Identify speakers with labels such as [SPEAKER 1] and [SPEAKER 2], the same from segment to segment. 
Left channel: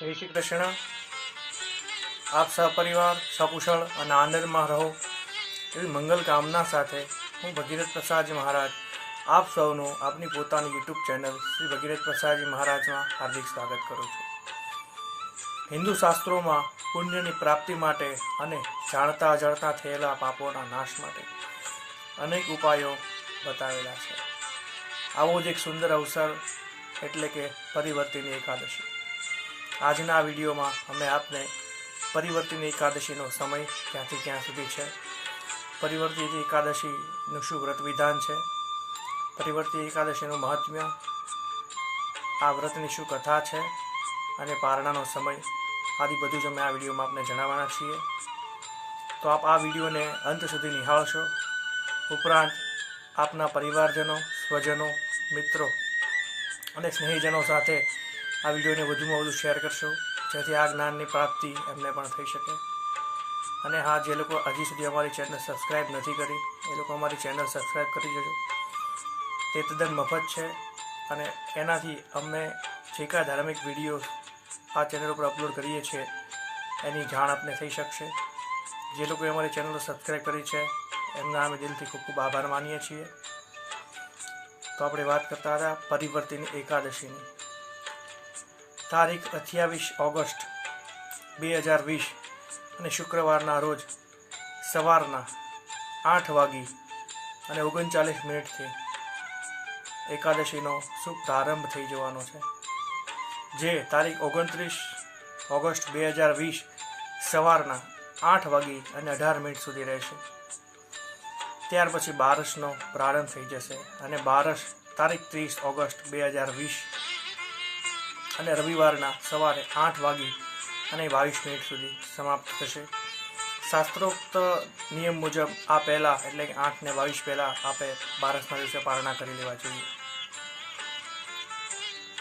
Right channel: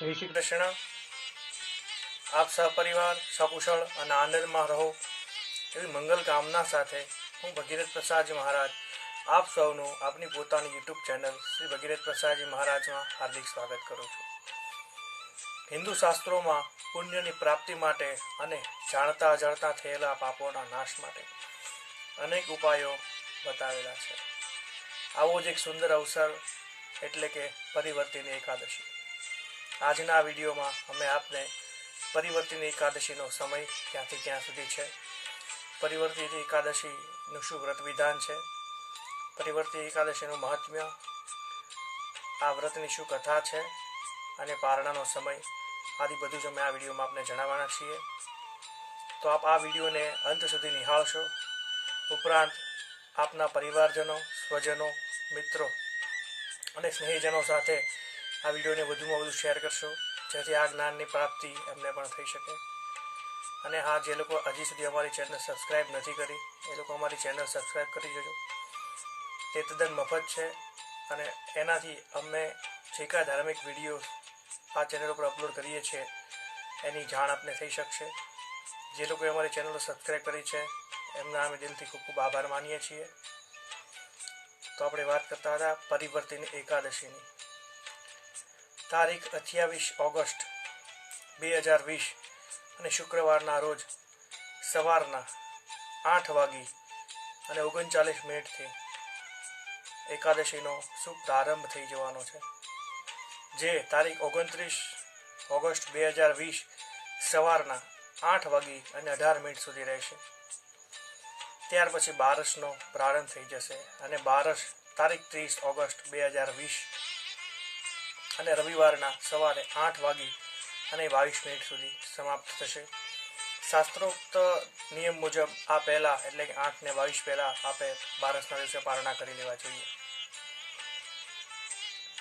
[SPEAKER 1] જય શ્રી કૃષ્ણ. આપ સહપરિવાર, સકુશળ અને આનંદમાં રહો. એવી મંગલ કામના સાથે હું ભગીરથ પ્રસાદજી મહારાજ આપ સૌનું આપની પોતાની યુટ્યુબ ચેનલ શ્રી ભગીરથ પ્રસાદજી મહારાજમાં હાર્દિક સ્વાગત કરું છું. હિન્દુ શાસ્ત્રોમાં પુણ્યની પ્રાપ્તિ માટે અને જાણતા અજાણતા થયેલા પાપોના નાશ માટે અનેક ઉપાયો બતાવેલા છે. આવો જ એક સુંદર અવસર એટલે કે પરિવર્તિની એકાદશી. આજના વિડીયોમાં અમે આપને પરિવર્તિની એકાદશીનો સમય ક્યાંથી ક્યાં સુધી છે? પરિવર્તિત એકાદશીનું શું વ્રત વિધાન છે. પરિવર્તિત એકાદશીનું મહાત્મ્ય આ વ્રતની શું કથા છે અને પારણાનો સમય આદિ બધું જ અમે આ વિડીયોમાં આપને જણાવવાના છીએ. તો આપ આ વિડીયોને અંત સુધી નિહાળશો. ઉપરાંત આપના પરિવારજનો, સ્વજનો, મિત્રો અને સ્નેહીજનો સાથે આ વિડીયોને વધુમાં વધુ શેર કરશો, જેથી આ જ્ઞાનની પ્રાપ્તિ એમને પણ થઈ શકે. અને હા, જે લોકો હજી સુધી અમારી ચેનલ સબસ્ક્રાઈબ નથી કરી, એ લોકો અમારી ચેનલ સબસ્ક્રાઈબ કરી દેજો. તે તદ્દન મફત છે અને એનાથી અમે જે કાંઈ ધાર્મિક વીડિયો આ ચેનલ ઉપર અપલોડ કરીએ છીએ, એની જાણ આપને થઈ શકશે. જે લોકોએ અમારી ચેનલ સબસ્ક્રાઈબ કરી છે, એમના અમે દિલથી ખૂબ ખૂબ આભાર માનીએ છીએ. તો આપણે વાત કરતા હતા પરિવર્તિની એકાદશીની. તારીખ અઠ્યાવીસ ઓગસ્ટ બે હજાર વીસ અને શુક્રવારના રોજ સવારના આઠ વાગી અને ઓગણચાલીસ મિનિટથી એકાદશીનો શુભ પ્રારંભ થઈ જવાનો છે. જે તારીખ ઓગણત્રીસ ઓગસ્ટ બે હજાર વીસ સવારના આઠ વાગી અને અઢાર મિનિટ સુધી રહેશે. ત્યાર પછી બારસનો પ્રારંભ થઈ જશે અને બારસ તારીખ ત્રીસ ઓગસ્ટ બે હજાર વીસ અને રવિવારના સવારે આઠ વાગી અને બાવીસ મિનિટ સુધી સમાપ્ત થશે. શાસ્ત્રોક્ત નિયમ મુજબ આ પહેલાં એટલે કે આઠ ને બાવીસ પહેલાં આપે બારસના દિવસે પારણા કરી લેવા જોઈએ.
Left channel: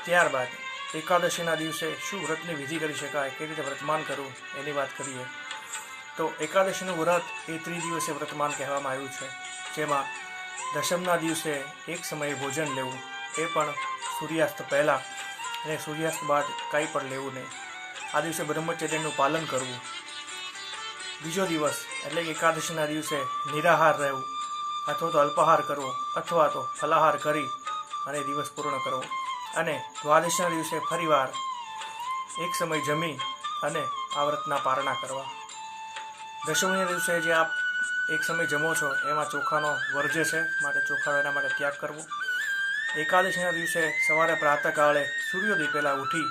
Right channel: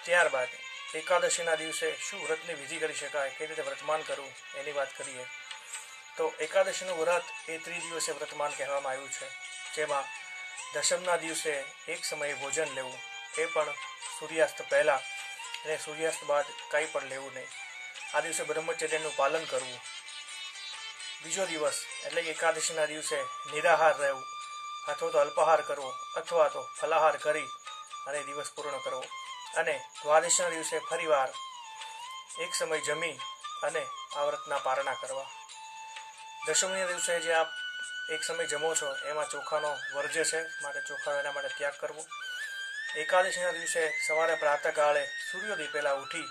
[SPEAKER 1] ત્યારબાદ એકાદશીના દિવસે શું વ્રતની વિધિ કરી શકાય, કેવી રીતે વ્રતમાન કરવું, એની વાત કરીએ. તો એકાદશીનું વ્રત એ ત્રિદિવસે વ્રતમાન કહેવામાં આવ્યું છે, જેમાં દશમના દિવસે એક સમયે ભોજન લેવું, એ પણ સૂર્યાસ્ત પહેલાં અને સૂર્યાસ્ત બાદ કાંઈ પણ લેવું નહીં. આ દિવસે બ્રહ્મચર્યનું પાલન કરવું. બીજો દિવસ, એટલે કે એકાદશીના દિવસે, નિરાહાર રહેવું. અથવા તો અલ્પાહાર કરવો, અથવા તો ફલાહાર કરી અને દિવસ પૂર્ણ કરવો. અને દ્વાદશીના દિવસે ફરીવાર એક સમય જમી અને આ વ્રતના પારણા કરવા. દશમીના દિવસે જે આપ એક સમય જમો છો, એમાં ચોખાનો વર્જ્ય છે, માટે ચોખા એના માટે ત્યાગ કરવો. એકાદશીના દિવસે સવારે પ્રાતઃકાળે સૂર્યોદય પહેલાં ઉઠી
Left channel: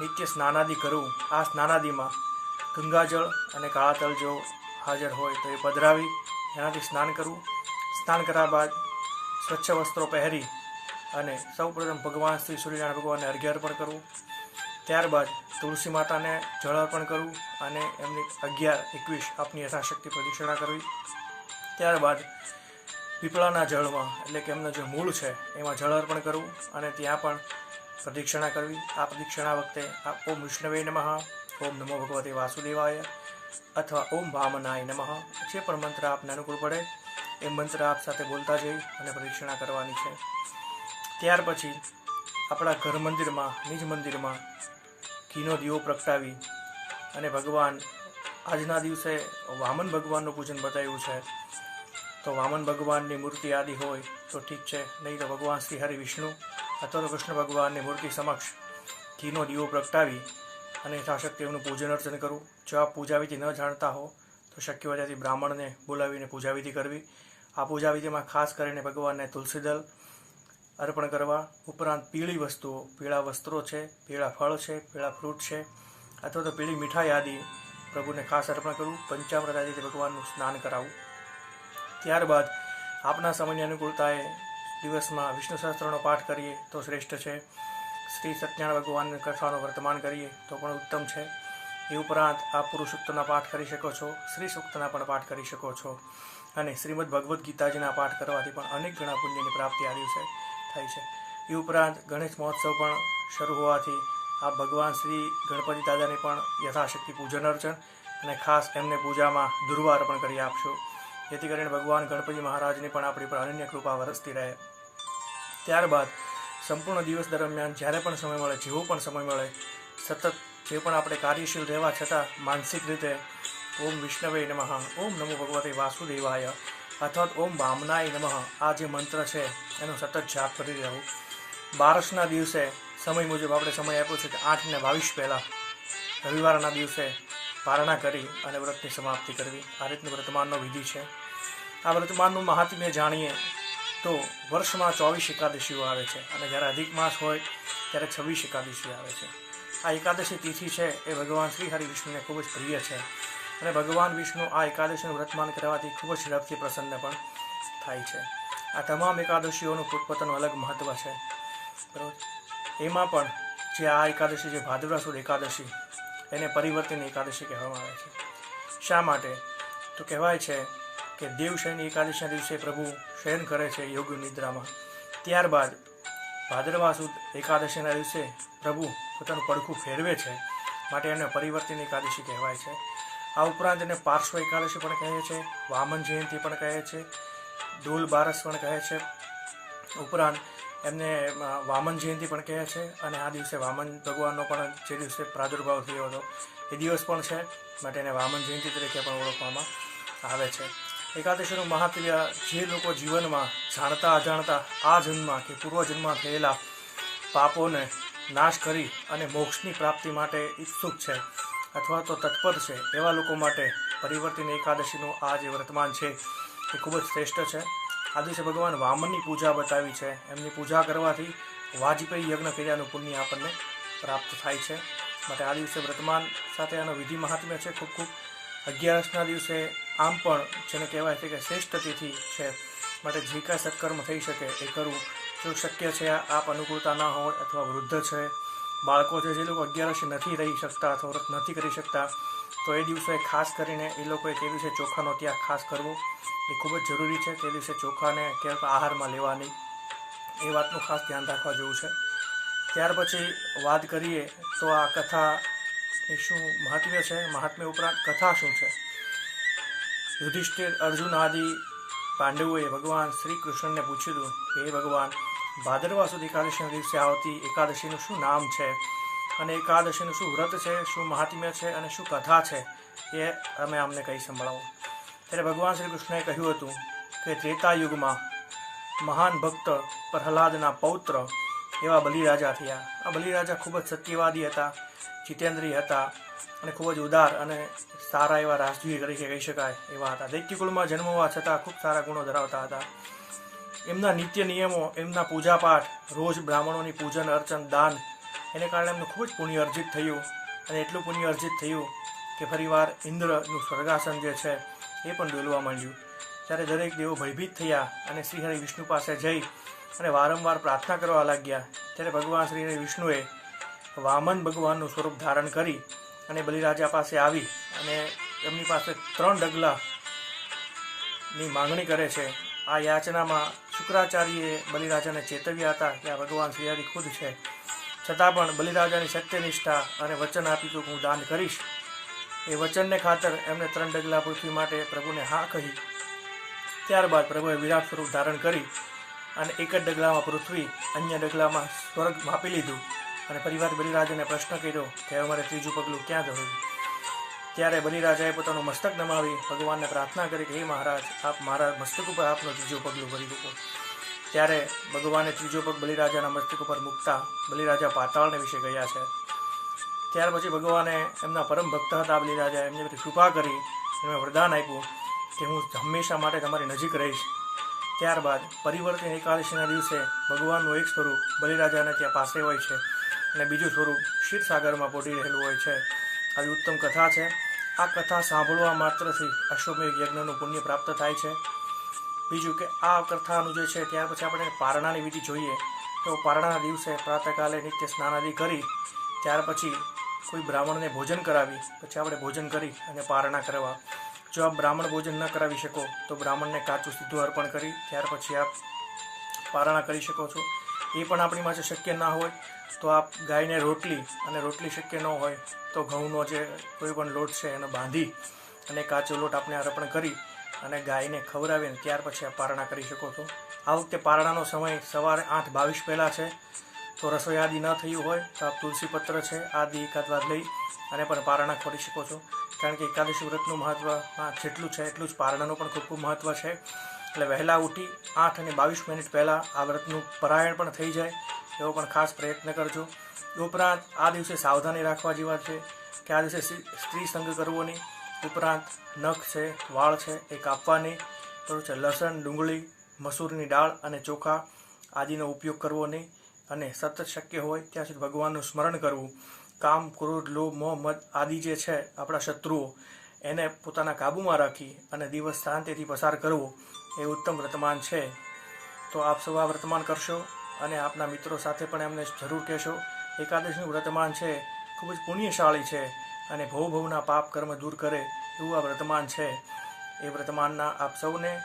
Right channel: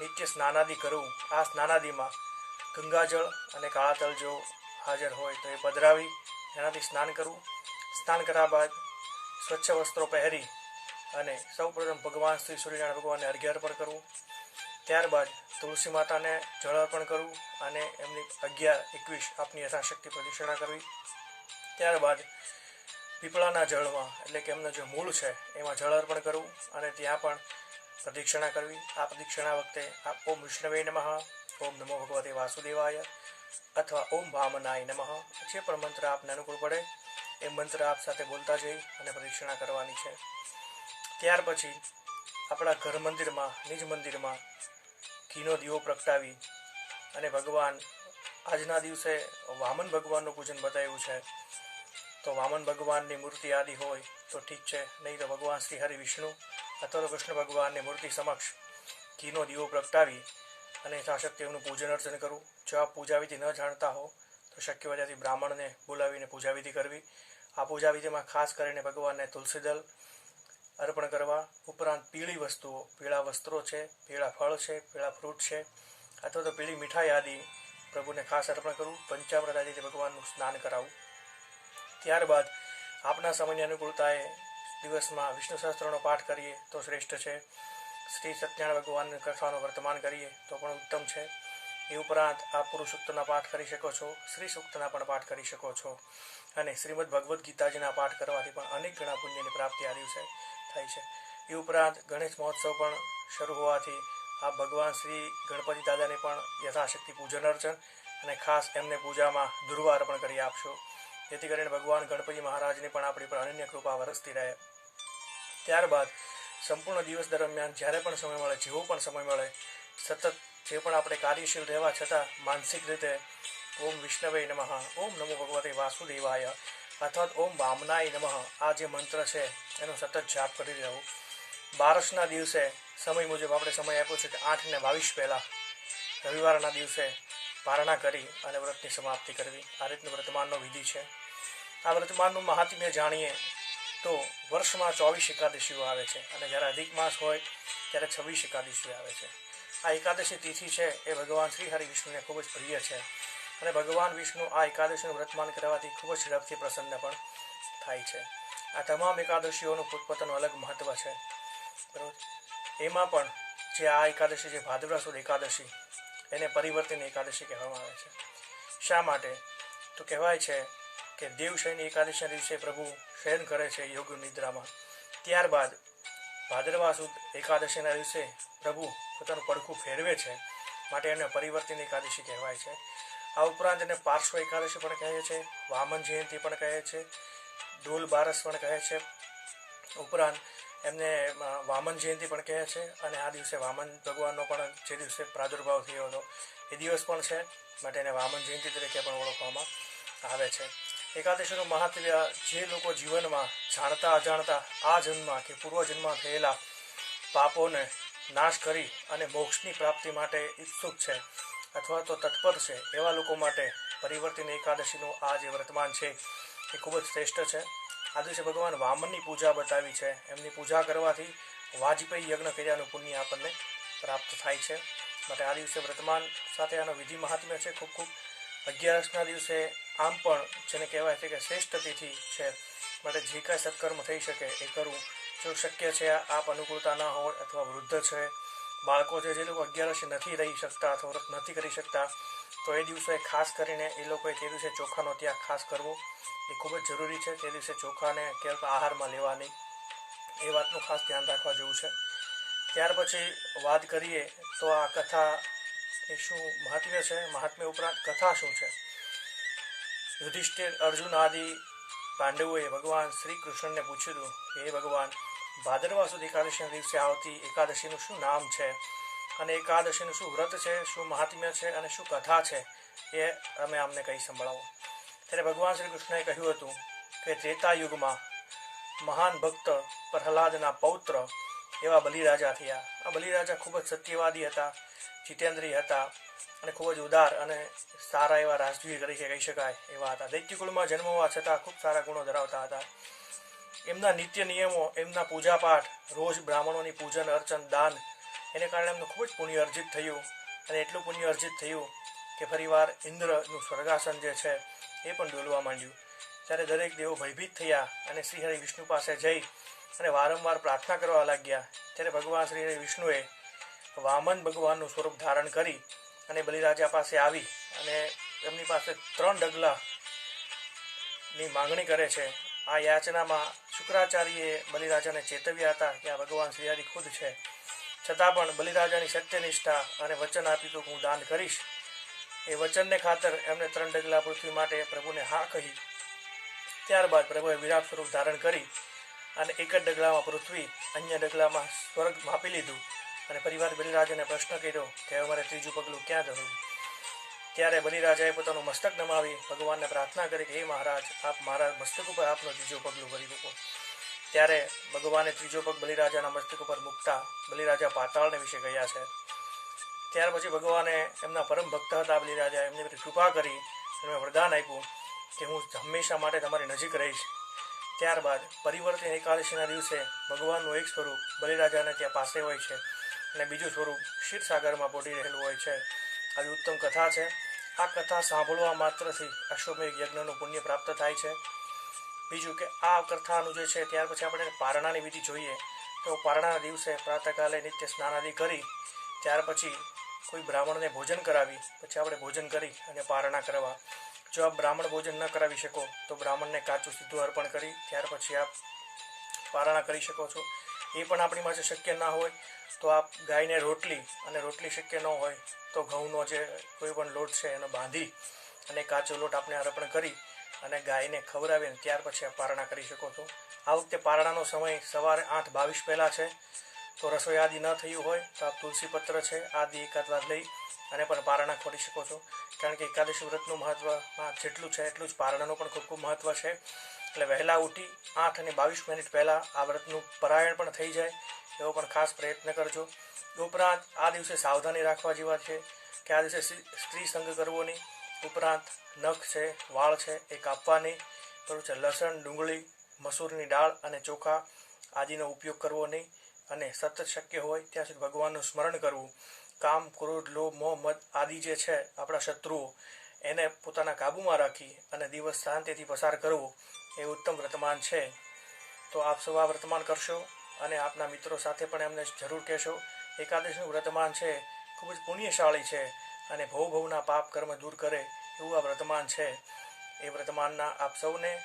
[SPEAKER 1] નિત્ય સ્નાનાદિ કરવું આ સ્નાનાદિમાં ગંગાજળ અને કાળા તલ જો હાજર હોય તો એ પધરાવી એનાથી સ્નાન કરવું સ્નાન કર્યા બાદ સ્વચ્છ વસ્ત્રો પહેરી અને સૌપ્રથમ ભગવાન શ્રી સૂર્યનારાયણ ભગવાનને અર્ઘ્ય અર્પણ કરવું ત્યારબાદ તુલસી માતાને જળ અર્પણ કરવું અને એમની અગિયાર એકવીસ આપની યથાશક્તિ પ્રદક્ષિણા કરવી. ત્યારબાદ પીપળાના જળમાં, એટલે કે એમનું જે મૂળ છે, એમાં જળ અર્પણ કરવું અને ત્યાં પણ પ્રદક્ષિણા કરવી. આ પ્રદક્ષિણા વખતે આ ઓમ વિષ્ણવે નમઃ, ઓમ નમો ભગવતે વાસુદેવાય, અથવા ઓમ વામનાય નમઃ. જે પણ મંત્ર આપને અનુકૂળ પડે, એ મંત્ર આપ સાથે બોલતા જઈ અને પ્રદક્ષિણા કરવાની છે. ત્યાર પછી આપણા ઘર મંદિરમાં, નિજ મંદિરમાં ઘીનો દીવો પ્રગટાવી અને ભગવાન આજના દિવસે વામન ભગવાનનું પૂજન બતાવ્યું છે. તો વામન ભગવાનની મૂર્તિ આદિ હોય તો ઠીક છે. નહીં તો ભગવાન શ્રી હરિ વિષ્ણુ અથવા કૃષ્ણ ભગવાનની મૂર્તિ સમક્ષ ઘીનો દીવો પ્રગટાવી અને યથાશક્તિ એમનું પૂજન અર્ચન કરવું જો આ પૂજાવિધિ ન જાણતા હો, તો શક્ય હોય ત્યાંથી બ્રાહ્મણને બોલાવીને પૂજાવિધિ કરવી. આ પૂજાવિધિમાં ખાસ કરીને ભગવાનને તુલસીદલ અર્પણ કરવા. ઉપરાંત પીળી વસ્તુઓ, પીળા વસ્ત્રો છે, પીળા ફળ છે, પીળા ફ્રૂટ છે, અથવા તો પીળી મીઠાઈ આદિ પ્રભુને ખાસ અર્પણ કરવું પંચામૃત આદિથી ભગવાનનું સ્નાન કરાવવું ત્યારબાદ આપના સમયની અનુકૂળતાએ દિવસમાં વિષ્ણુ સહસ્ત્રનો પાઠ કરીએ તો શ્રેષ્ઠ છે. શ્રી સત્યનારાયણ ભગવાનની કથાનું વર્તમાન કરીએ તો પણ ઉત્તમ છે. એ ઉપરાંત આપ પુરુષોક્તના પાઠ કરી શકો છો શ્રી સૂક્તના પણ પાઠ કરી શકો છો. અને શ્રીમદ ભગવદ્ ગીતાજીના પાઠ કરવાથી પણ અનેક ગણા પુણ્યની પ્રાપ્તિ આ દિવસે થાય છે. એ ઉપરાંત ગણેશ મહોત્સવ પણ શરૂ હોવાથી આપ ભગવાન શ્રી ગણપતિ દાદાને પણ યથાશક્તિ પૂજન અર્ચન અને ખાસ એમને પૂજામાં દુર્વા અર્પણ કરી આપશો. જેથી કરીને ભગવાન ગણપતિ મહારાજની પણ આપણી પર અનન્ય કૃપા વરસતી રહે. ત્યારબાદ સંપૂર્ણ દિવસ દરમિયાન જ્યારે પણ સમય મળે, જેવો પણ સમય મળે, સતત જે પણ આપણે કાર્યશીલ રહેવા છતાં માનસિક રીતે ઓમ વિષ્ણવે નમઃ, ઓમ નમો ભગવતે વાસુદેવાય અથવા ઓમ વામનાય નમઃ, આ જે મંત્ર છે એનો સતત જાપ કરી રહેવું બારસના દિવસે સમય મુજબ આપણે સમય આપ્યો છે કે આઠ ને બાવીસ પહેલાં રવિવારના દિવસે પારણા કરી અને વ્રતની સમાપ્તિ કરવી. આ રીતનું વ્રતમાનનો વિધિ છે. આ વ્રતમાનનું મહાત્મ્ય જાણીએ તો વર્ષમાં ચોવીસ એકાદશીઓ આવે છે અને જ્યારે અધિક માસ હોય ત્યારે છવ્વીસ એકાદશી આવે છે. આ એકાદશી તિથિ છે એ ભગવાન શ્રી હરિ વિષ્ણુને ખૂબ જ પ્રિય છે અને ભગવાન વિષ્ણુ આ એકાદશીનું વ્રતમાન કરવાથી ખૂબ જ ઝડપથી પ્રસન્ન પણ થાય છે. આ તમામ એકાદશીઓનું પોતપોતાનું અલગ મહત્ત્વ છે. બરાબર એમાં પણ જે આ એકાદશી જે ભાદરવા એકાદશી એને પરિવર્તન એકાદશી કહેવામાં આવે છે. શા માટે? તો કહેવાય છે કે દેવશયની એકાદશીના દિવસે પ્રભુ શયન કરે છે યોગ નિદ્રામાં. ત્યારબાદ ભાદરવા સુદ એકાદશીના દિવસે પ્રભુ પોતાનું પડખું ફેરવે છે માટે એને પરિવર્તન એકાદશી કહેવાય છે. આ ઉપરાંત એને પાર્શ્વ એકાદશી પણ કહે છે, વામન જયંતિ પણ કહે છે ડોલ બારસ પણ કહે છે. ઉપરાંત એમને વામન જયંતિ પણ કહે છે અને આ દિવસે વામન ભગવાનનો પણ જે દિવસે પ્રાદુર્ભાવ થયો હતો એ દિવસ પણ છે, માટે એને વામન જયંતિ તરીકે પણ ઓળખવામાં આવે છે. એકાદશીનું મહાત્મ્ય જે લોકો જીવનમાં જાણતા અજાણતા આ જન્મમાં કે પૂર્વજન્મમાં થયેલા પાપોને નાશ કરી અને મોક્ષની પ્રાપ્તિ માટે ઈચ્છુક છે અથવા તો તત્પર છે, એવા લોકો માટે પરિવર્તન એકાદશીનું આ જે વર્તમાન છે એ ખૂબ જ શ્રેષ્ઠ છે. આ દિવસે ભગવાન વામનની પૂજા બતાવી છે. એમની પૂજા કરવાથી વાજપેયી યજ્ઞ કર્યાનું પુણ્ય આપણને પ્રાપ્ત થાય છે. માટે આ દિવસે વર્તમાન સાથે આનો વિધિ મહાત્મ્ય છે. ખૂબ ખૂબ અગિયારસના દિવસે આમ પણ જેને કહેવાય છે કે શ્રેષ્ઠ તિથિ છે, માટે જે કાંઈ સત્કર્મ થઈ શકે એ કરવું જો શક્ય છે, આપ અનુકૂળતા ના હોય અથવા વૃદ્ધ છે, બાળકો છે, જે લોકો અગિયારસી નથી રહી શકતા અથવા વ્રત નથી કરી શકતા, તો એ દિવસે ખાસ કરીને એ લોકોએ તે દિવસે ચોખાનો ત્યાગ ખાસ કરવો એ ખૂબ જ જરૂરી છે. તે દિવસે ચોખાને ક્યાંક આહારમાં લેવાની એ વાતનું ખાસ ધ્યાન રાખવા જેવું છે. ત્યાર પછી વાત કરીએ તો આ કથા એ શું મહાત્મ્ય છે? મહાત્મ્ય ઉપરાંત કથા શું છે? યુધિષ્ઠિર અર્જુન આદિ પાંડવોએ ભગવાન શ્રી કૃષ્ણને પૂછ્યું, હે ભગવાન, ભાદરવા સુધી એકાદશીના દિવસે આવતી એકાદશીનું શું નામ છે? અને એકાદશીનું શું વ્રત છે, શું મહાત્મ્ય છે અને શું કથા છે? એ અમે અમને કહી સંભળાવો. ત્યારે ભગવાન શ્રી કૃષ્ણએ કહ્યું હતું કે ત્રેતા યુગમાં મહાન ભક્ત પ્રહલાદના પૌત્ર એવા બલિરાજા થયા. આ બલિરાજા ખૂબ જ સત્યવાદી હતા, જીતેન્દ્રિય હતા અને ખૂબ જ ઉદાર અને સારા એવા રાજવીર તરીકે કહી શકાય એવા હતા. દૈત્યકુળમાં જન્મ હોવા છતાં ખૂબ સારા ગુણો ધરાવતા હતા. એમના નિત્ય નિયમો, એમના પૂજાપાઠ, રોજ બ્રાહ્મણોની પૂજન, અર્ચન, દાન, એને કારણે એમનું ખૂબ જ પુણ્ય અર્જિત થયું અને એટલું પુણ્ય અર્જિત થયું કે ફરીવાર ઇન્દ્રનું સ્વર્ગાસન જે છે એ પણ ડોલવા માંડ્યું. ત્યારે દરેક દેવો ભયભીત થયા અને શ્રીહરિ વિષ્ણુ પાસે જઈ અને વારંવાર પ્રાર્થના કરવા લાગ્યા. ત્યારે ભગવાન શ્રી હરિ વિષ્ણુએ વામન ભગવાનનું સ્વરૂપ ધારણ કરી અને બલિરાજા પાસે આવી અને એમની પાસે ત્રણ ડગલાની માંગણી કરે છે. આ યાચનામાં શુક્રાચાર્યએ બલિરાજાને ચેતવ્યા હતા કે આ ભગવાન શ્રીહરિ ખુદ છે. છતાં પણ બલિરાજાની સત્યનિષ્ઠા અને વચન આપ્યું કે હું દાન કરીશ. એ વચનને ખાતર એમને ત્રણ ડગલા પૃથ્વી માટે પ્રભુને હા કહી ત્યારબાદ પ્રભુએ વિરાટ સ્વરૂપ ધારણ કરી અને એક જ ડગલામાં પૃથ્વી, અન્ય ડગલામાં સ્વર્ગ માપી લીધું. અને પરિવાર બલિરાજાને પ્રશ્ન કર્યો કે અમારે ત્રીજું પગલું ક્યાં જવું? ત્યારે બલિરાજાએ પોતાનું મસ્તક નમાવી ભગવાનને પ્રાર્થના કરી કે, હે મહારાજ, આપ મારા મસ્તક ઉપર આપનું ત્રીજું પગલું ભરી મૂકો. ત્યારે ભગવાને ત્રીજો પગ બલિરાજાના મસ્તક ઉપર મૂકતા બલિરાજા પાતાળને વિશે ગયા છે. ત્યાર પછી ભગવાને એમના પરમ ભક્ત હતા બલિરાજા એમની બધી કૃપા કરી એમને વરદાન આપ્યું કે, હું હંમેશા માટે તમારી નજીક રહીશ. ત્યારબાદ પરિવર્તન એકાદશીના દિવસે ભગવાનનું એક સ્વરૂપ બલિરાજાને ત્યાં પાસે હોય છે. અને બીજું સ્વરૂપ ક્ષીરસાગરમાં પોટી રહેલું હોય છે. આવી ઉત્તમ કથા છે. આ કથા સાંભળવા માત્રથી અશ્વમેઘ યજ્ઞનું પુણ્ય પ્રાપ્ત થાય છે. બીજું કે આ કથાનું જે છે, ત્યાર પછી આપણે પારણાની વિધિ જોઈએ. તો પારણાના દિવસે પ્રાતઃકાલે નિત્ય સ્નાનાદિ કરી, ત્યાર પછી કોઈ બ્રાહ્મણને ભોજન કરાવી, પછી આપણે ભોજન કરી અને પારણા કરવા. જો આપ બ્રાહ્મણ ભોજન ન કરાવી શકો, તો બ્રાહ્મણને કાચું સીધું અર્પણ કરી, ત્યાર પછી આપ પારણા કરી શકો છો. એ પણ આપણી પાસે શક્ય ના હોય તો આપ ગાયને રોટલી અને રોટલી શક્ય ન હોય તો ઘઉંનો જે કોઈ પણ લોટ છે એને બાંધી અને કાચો લોટ આપણે અર્પણ કરી અને ગાયને ખવડાવીને ત્યાર પછી આપ પારણા કરી શકો છો. આ વખતે પારણાનો સમય સવારે આઠ બાવીસ પહેલાં છે તો રસોઈ આદિ ન થયું હોય તો આપ તુલસી પત્ર છે આદિ એકાદવાર લઈ અને પણ પારણા ખોરી શકો છો. કારણ કે એકાદશી વ્રતનું મહત્વ હા, જેટલું છે એટલું જ પારણાનું પણ ખૂબ ખૂબ મહત્વ છે. એટલે વહેલા ઉઠી આઠ અને બાવીસ મિનિટ પહેલાં આ વ્રતનું પરાયણ પણ થઈ જાય એવો પણ ખાસ પ્રયત્ન કરજો. ઉપરાંત આ દિવસે સાવધાની રાખવા જેવા છે કે આ દિવસે સ્ત્રી- સંગ કરવો નહીં ઉપરાંત નખ છે, વાળ છે એ કાપવા નહીં છે લસણ, ડુંગળી, મસૂરની દાળ અને ચોખા આદિનો ઉપયોગ કરવો નહીં. અને સતત શક્ય હોય ત્યાં સુધી ભગવાનનું સ્મરણ કરવું. કામ, ક્રોધ, લોભ, મોહ, મદ આદિ જે છે આપણા શત્રુઓ, એને પોતાના કાબૂમાં રાખી અને દિવસ શાંતિથી પસાર કરવો. એ ઉત્તમ વર્તમાન છે. તો આપ સૌ આ વર્તમાન કરશો અને આપના મિત્રો સાથે પણ એમને જરૂર કહેશો. એકાદશીનું વર્તમાન છે, ખૂબ જ પુણ્યશાળી છે અને ભવ ભવના પાપ કર્મ દૂર કરે એવું આ વર્તમાન છે. એ વર્તમાનના આપ સૌને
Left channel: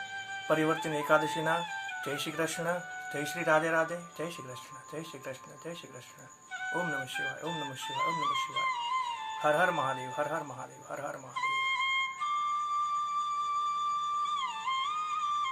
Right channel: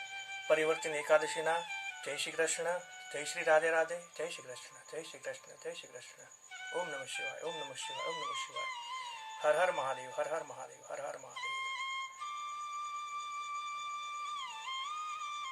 [SPEAKER 1] પરિવર્તન એકાદશીના જય શ્રી કૃષ્ણ, જય શ્રી રાધે રાધે, જય શ્રી કૃષ્ણ, જય શ્રી કૃષ્ણ, જય શ્રી કૃષ્ણ. ઓમ નમઃ શિવાય, ઓમ નમઃ શિવાય, ઓમ નમઃ શિવાય. હર હર મહાદેવ, હર હર મહાદેવ, હર હર મહાદેવ.